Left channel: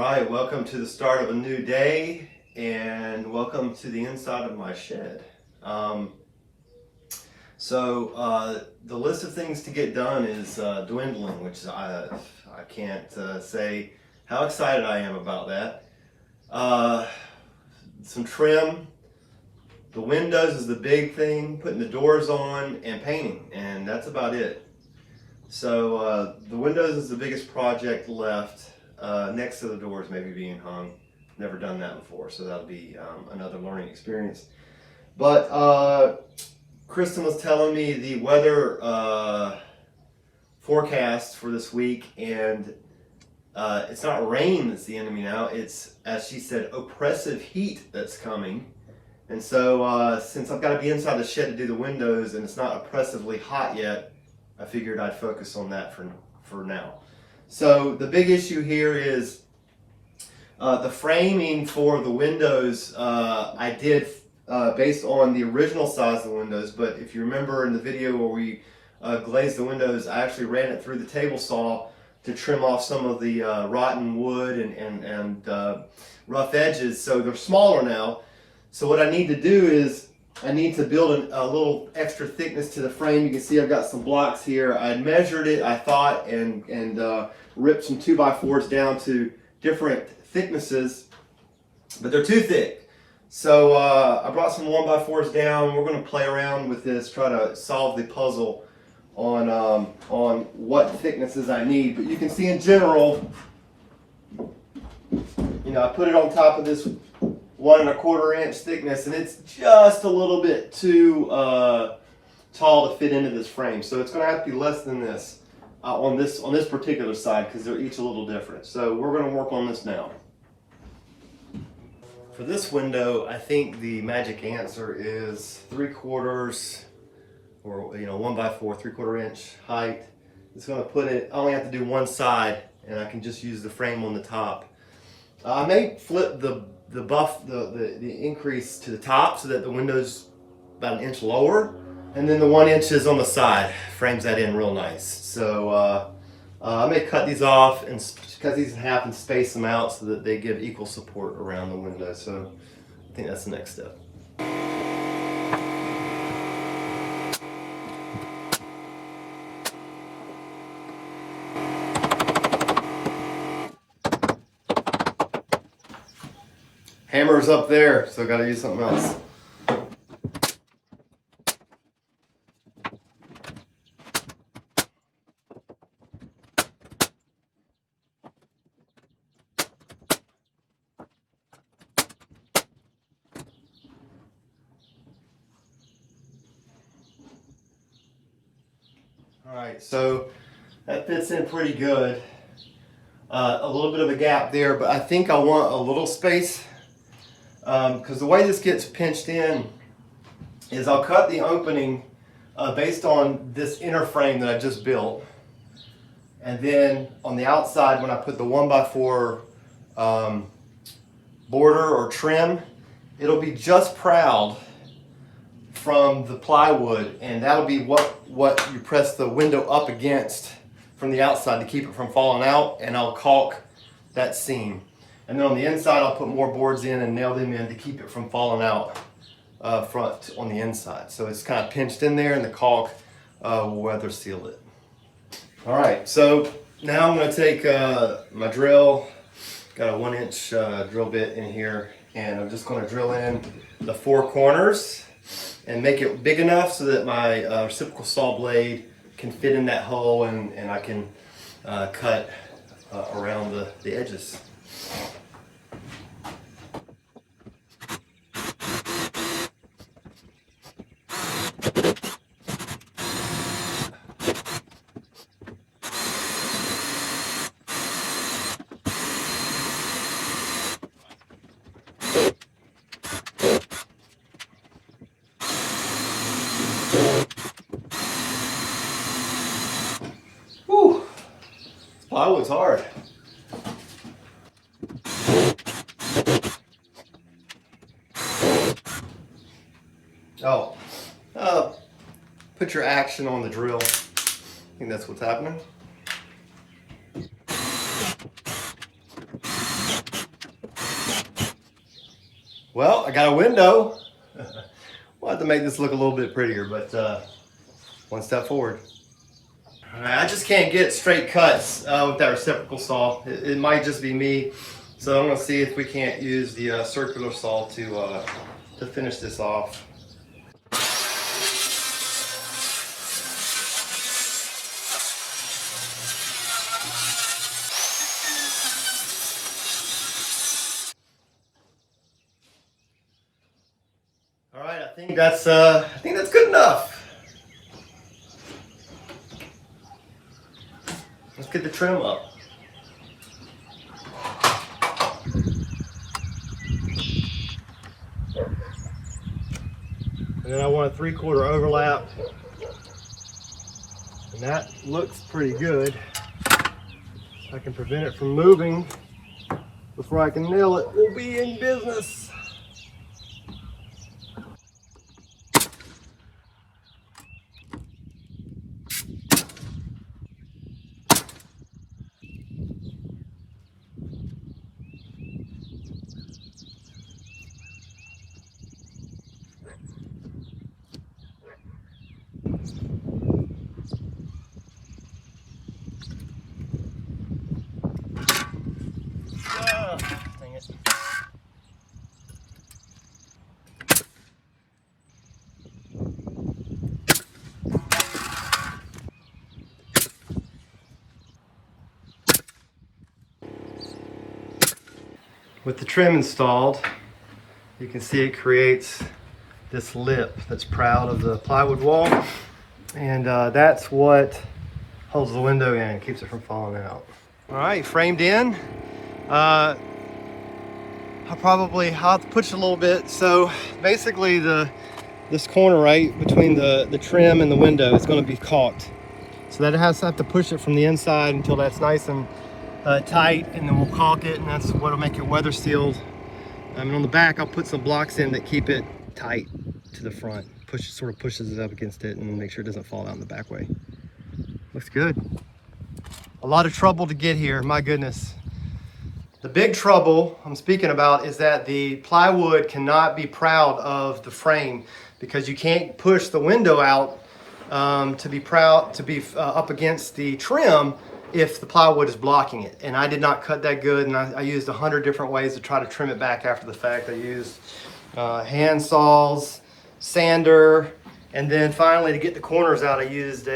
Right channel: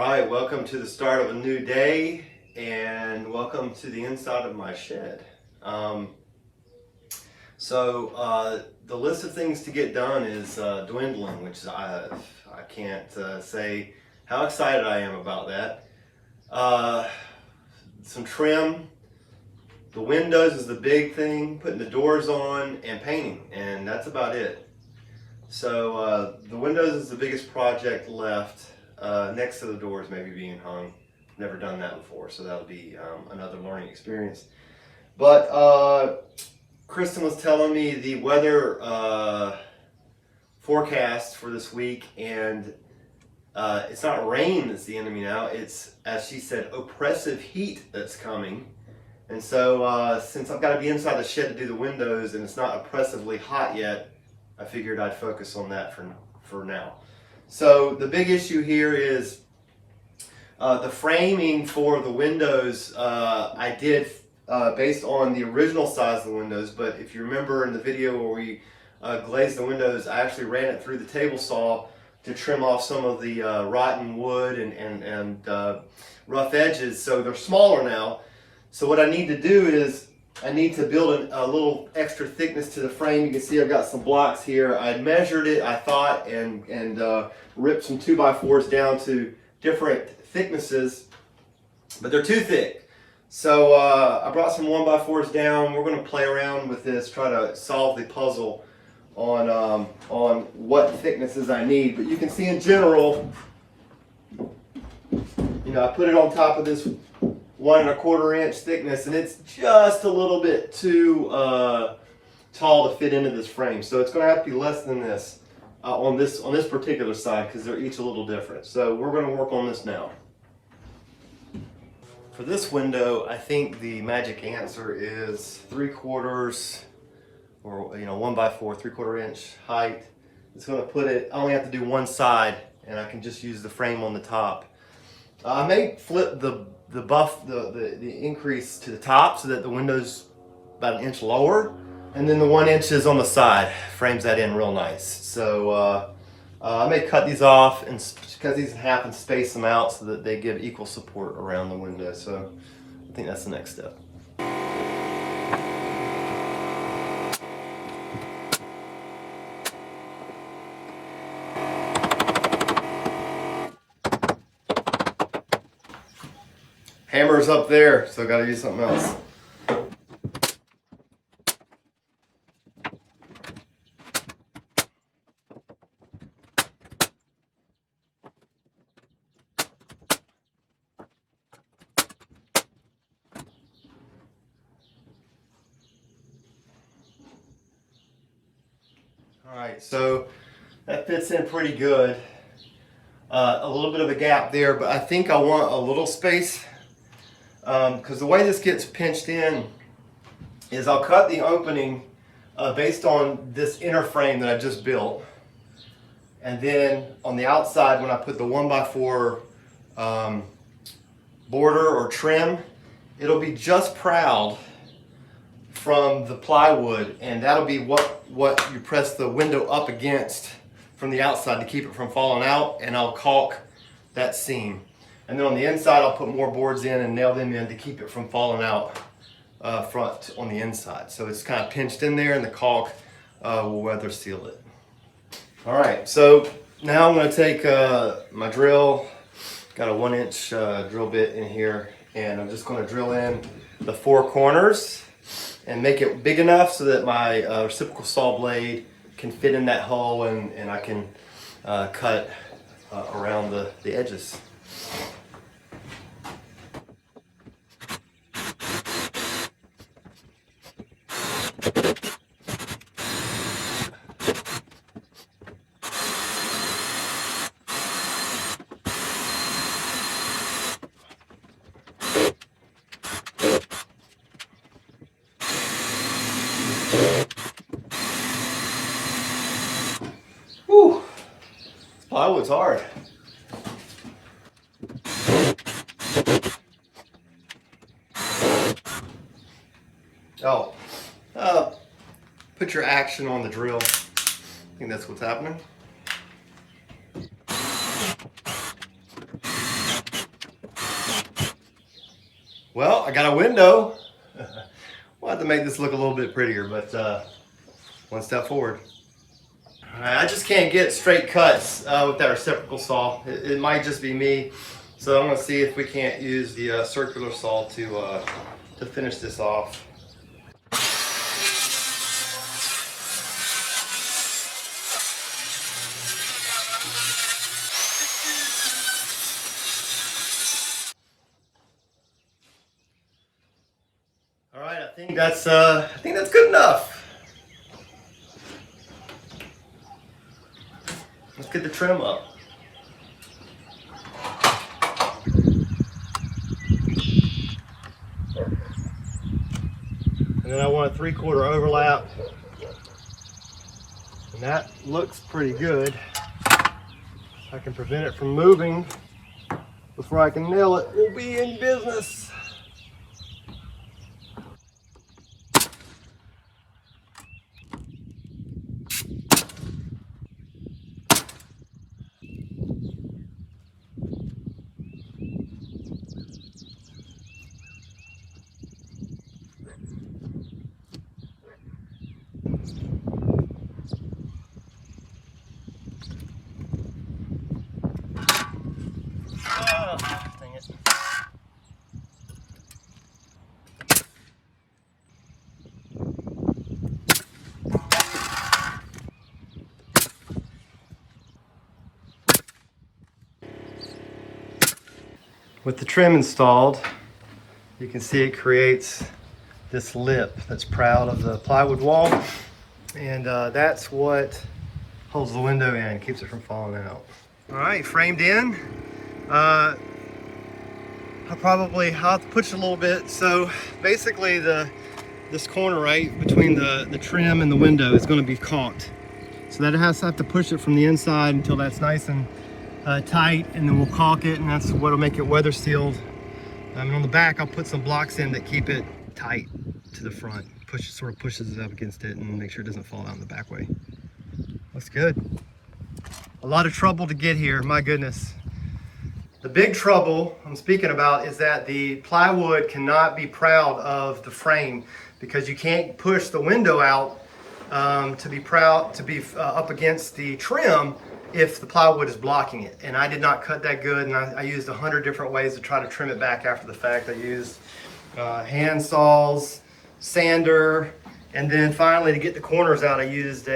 right, welcome to the start of a new day and welcome to the inside of my shed. The list of things to get done is dwindling, which I can't say how excited I am about that. Some trim, the windows is the big thing, putting the doors on and painting, and that's about it. So the windows is the biggest project left. Next to the doors maybe being hung. Never done that before, so that'll be another learning experience. But Kristen was telling me the weather forecast for this week, and it's not rain that's the enemy now. It's, as she said, oppressive heat that's coming. And so since I've got to be inside the shed to do the windows and it's not oppressively hot yet, I figured I'd focus on that for now. So the big issue here is the framing for the windows. I did based on the original size of the windows, but if you remember in the video where we glazed the windows, I actually ran it through the table saw to trim off some of the rotten wood and rough edges, so they're smaller now. So what I need to do is I need to build a little extra thickness to the frame. You can see I've got some blocks here. I measured it, I thought, and ripped some 2x4s down to different thicknesses, but they're too thick. So I brought some 1x4s down. We're going to play around with this, try to solve the puzzle on what thicknesses I need. But you can see in general, I put it on top of this 1 1/4 inch thickness, and it's just a little bit too tall to fit into this frame. So it's going to have to be less than this on this particular side, because they're each a little different. So we're going to work on this now. For this window, I think the magic answer is 3/4 or 1x4, 3/4 inch height. It's going to put it. I only have to do one side, and I can just use the frame on the top. I may flip the increase to the top so that the window's about 1 inch lower, and then the 1 inch is on the side frames that in real nice. So I may cut these off and cut these in half and space them out so that they give equal support around the window. So I think that's the next step. Hammer's up there, so I got to use something else. All right, so that fits in pretty good. A little bit of a gap there, but I think I want a little space. Because the way this gets pinched in is I'll cut the opening based on this inner frame that I just built, and then on the outside, when I put the 1x4 border or trim, it'll be just proud from the plywood, and that'll be what you press the window up against from the outside to keep it from falling out, and I'll caulk that seam. And then on the inside, I'll put more boards in and nail them in to keep it from falling out front on the inside. So it's kind of pinched in there, and the caulk will weather seal it. All right, so now I'm going to take my drill. Got a 1 inch drill bit in here, and I'm just going to drill in the 4 corners and make it big enough so that my reciprocal saw blade can fit in that hole, and I can cut around the edges. Whew, plywood's hard. Put your action on the drill. I think that's what's happening. Well, I got a window. We'll have to make this look a little bit prettier, but one step forward. All right, I just can't get straight cuts with that reciprocal saw. It might just be me. So I'm gonna see if we can't use the circular saw to finish this off. All right, I think that's good enough. Let's get the trim up. And then I want a 3/4 overlap. And that looks pretty good. I can prevent it from moving before I can nail it. We'll be in business. Dang it. With the trim installed, you can see it creates this lip that's proud of the plywood wall. And that's what holds the window in, keeps it from falling out. All right, framed in. I'll have to push it a little bit. So basically this corner right between the trim and the window is going to be caulked. So that I have to push it from the inside until that's nice and tight, and then we'll caulk it, and that's what'll make it weather sealed. And on the back, I'll put some blocks in that keep it tight to the front. Sort of pushes it up against it and make sure it doesn't fall out in the back way. Looks good. A lot of trouble to get here, my goodness. The big trouble I'm speaking about is that the plywood cannot be proud of the frame because you can't push the window out to be up against the trim if the plywood is blocking it. And I did not cut that good, and I used 100 different ways to try to trim it back after the fact. I used hand saws, sander, and then finally to get the corners out I used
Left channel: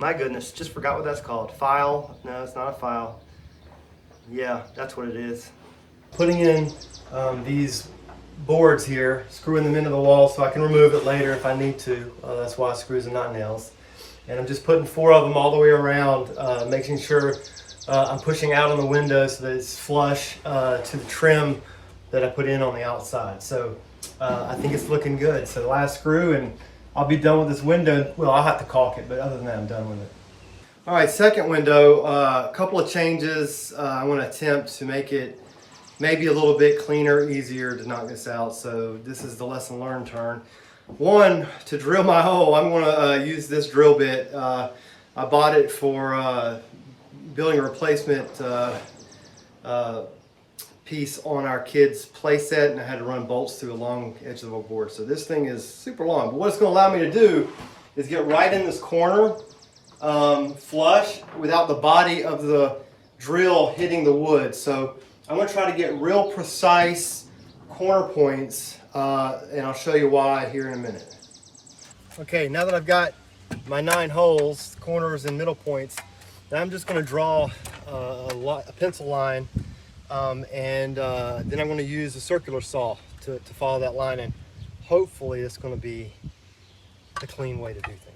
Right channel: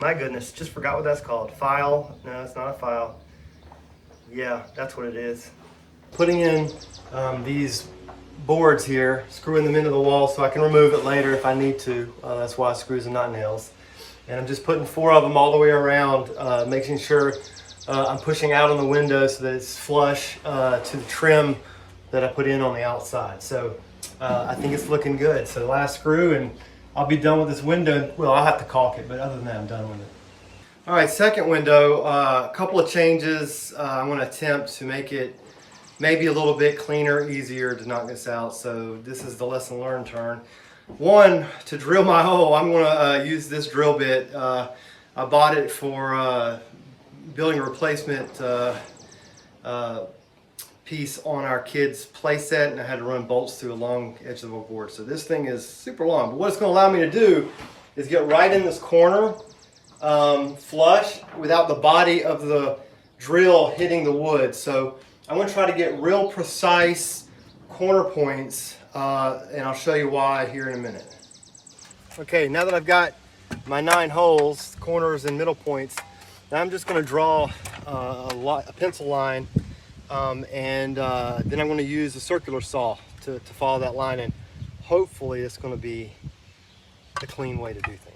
my goodness, just forgot what that's called. File? No, it's not a file. Yeah, that's what it is. Putting in these boards here, screwing them into the wall so I can remove it later if I need to. That's why screws and not nails. And I'm just putting 4 of them all the way around, making sure I'm pushing out on the window so that it's flush to the trim that I put in on the outside. So I think it's looking good. So the last screw, and I'll be done with this window. Well, I'll have to caulk it, but other than that, I'm done with it. All right, second window, a couple of changes. I want to attempt to make it maybe a little bit cleaner, easier to knock this out. So this is the lesson learned turn. One, to drill my hole, I'm going to use this drill bit. I bought it for building a replacement piece on our kids' play set, and I had to run bolts through a long edge of the board. So this thing is super long, but what it's going to allow me to do is get right in this corner flush without the body of the drill hitting the wood. So I'm going to try to get real precise corner points, and I'll show you why here in a minute. Okay, now that I've got my 9 holes, corners and middle points, now I'm just going to draw a pencil line, and then I'm going to use a circular saw to follow that line, and hopefully it's going to be the clean way to do things.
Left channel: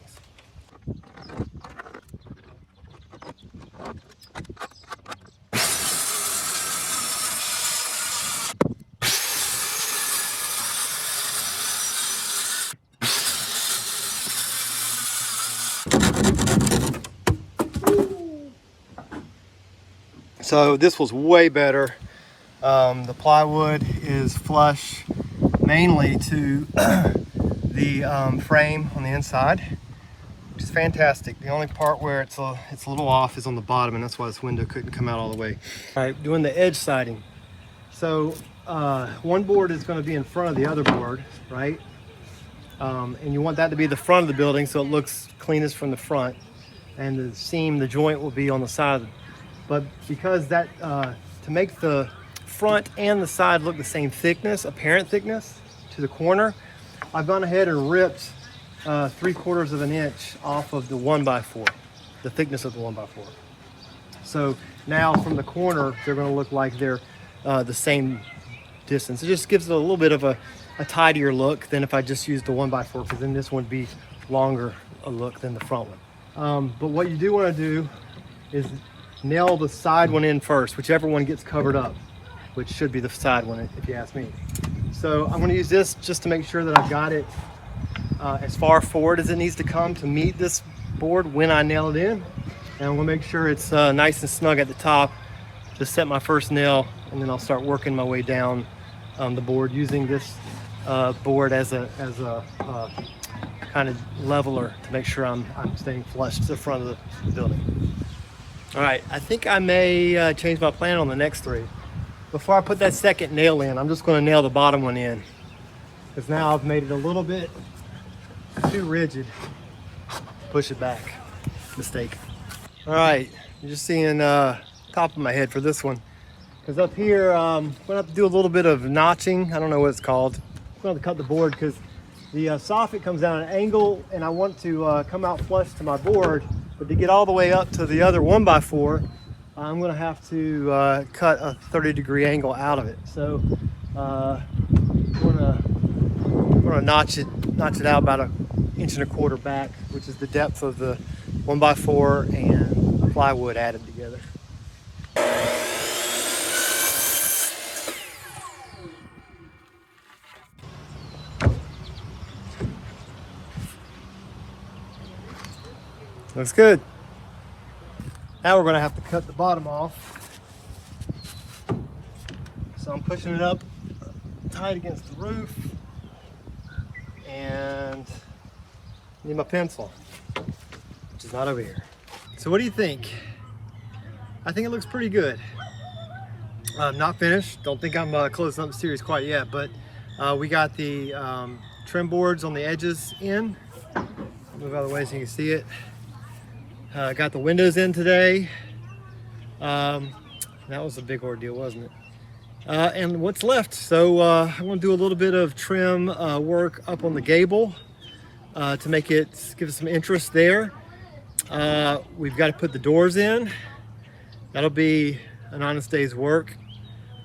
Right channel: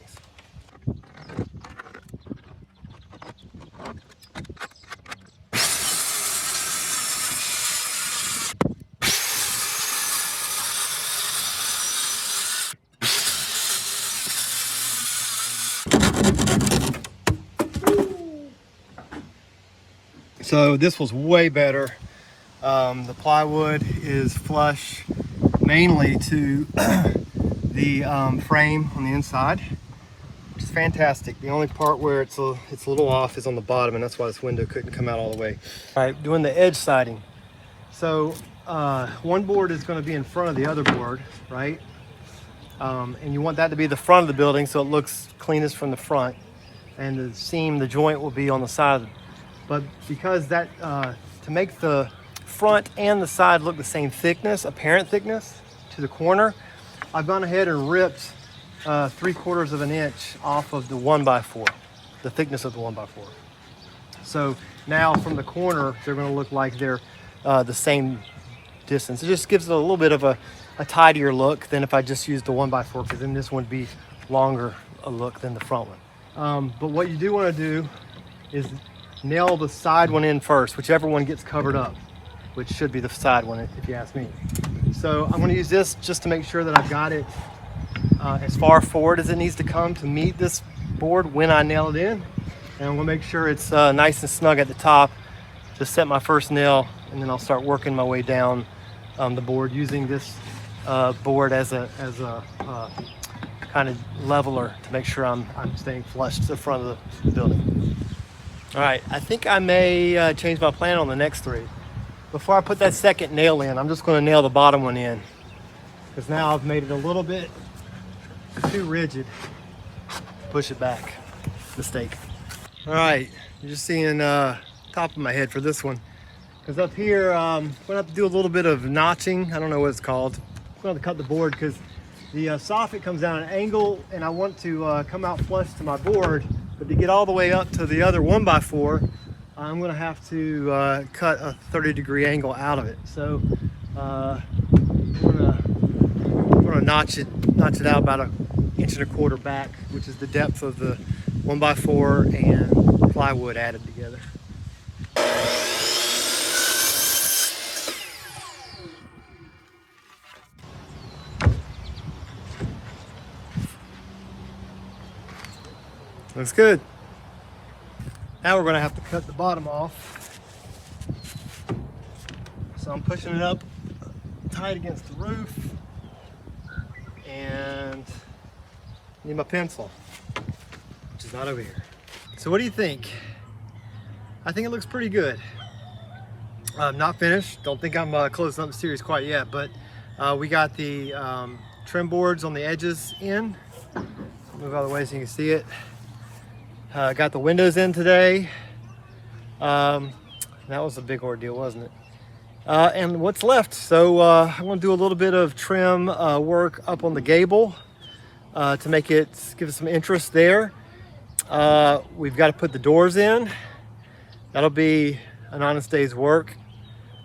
So this was way better. The plywood is flush mainly to the frame on the inside, which is fantastic. The only part where it's a little off is on the bottom, and that's why this window couldn't come out all the way. All right, doing the edge siding. So one board is going to be in front of the other board, right? And you want that to be the front of the building so it looks cleanest from the front, and the seam, the joint will be on the side. But because that, to make the front and the side look the same thickness, apparent thickness to the corner, I've gone ahead and ripped 3/4 of an inch off of the 1x4, the thickness of the 1x4. So now from the corner, they're going to look like they're the same distance. It just gives it a little bit of a tidier look than if I just used the 1x4, because then this one would be longer a look than the front one. But what you do want to do is nail the side one in first, whichever one gets covered up, which should be the side one if you ask me. So I'm going to use this just to make sure that I've got it as far forward as it needs to come to meet this board when I nail it in. And I'm going to make sure it's nice and snug at the top to set my first nail, and then I'll start working my way down the board using this board as a kind of leveler to make sure I'm staying flush to the front of the building. All right, I think I may change my plan on the next three. Before I put that second nail in, I'm just going to nail the bottom one in, because now I've made it a little bit too rigid. Push it back. Mistake. All right, you're just seeing top of my head for this one, because up here I'm going to have to do a little bit of notching. I don't know what it's called. I'm going to cut the board because the soffit comes down at an angle, and I want to come out flush to my board. But to get all the way up to the other 1x4, I'm going to have to cut a 30-degree angle out of it. So I'm going to notch it out about 1.25 inches back, which is the depth of the 1x4 and plywood added together. Looks good. Now we're going to have to cut the bottom off. So I'm pushing it up tight against the roof, and I need my pencil, which is not over here. So what do you think? I think it looks pretty good. Not finished. Don't think I'm closing up the series quite yet, but we got the trim boards on the edges in. Move out of the way so you can see it. Got the windows in today. That was a big ordeal, wasn't it? And what's left? So I'm going to do a little bit of trim work up on the gable to make it, give it some interest there. We've got to put the doors in. That'll be an honest day's work.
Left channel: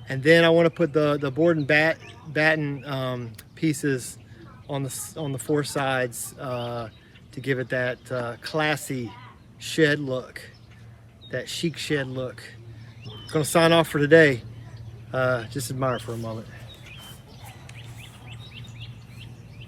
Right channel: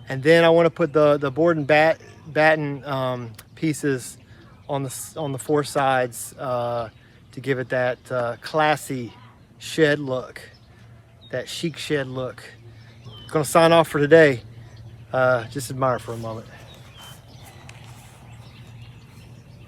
And then I want to put the board and batten pieces on the four sides to give it that classy shed look, that chic shed look. It's going to sign off for today. Just admire for a moment.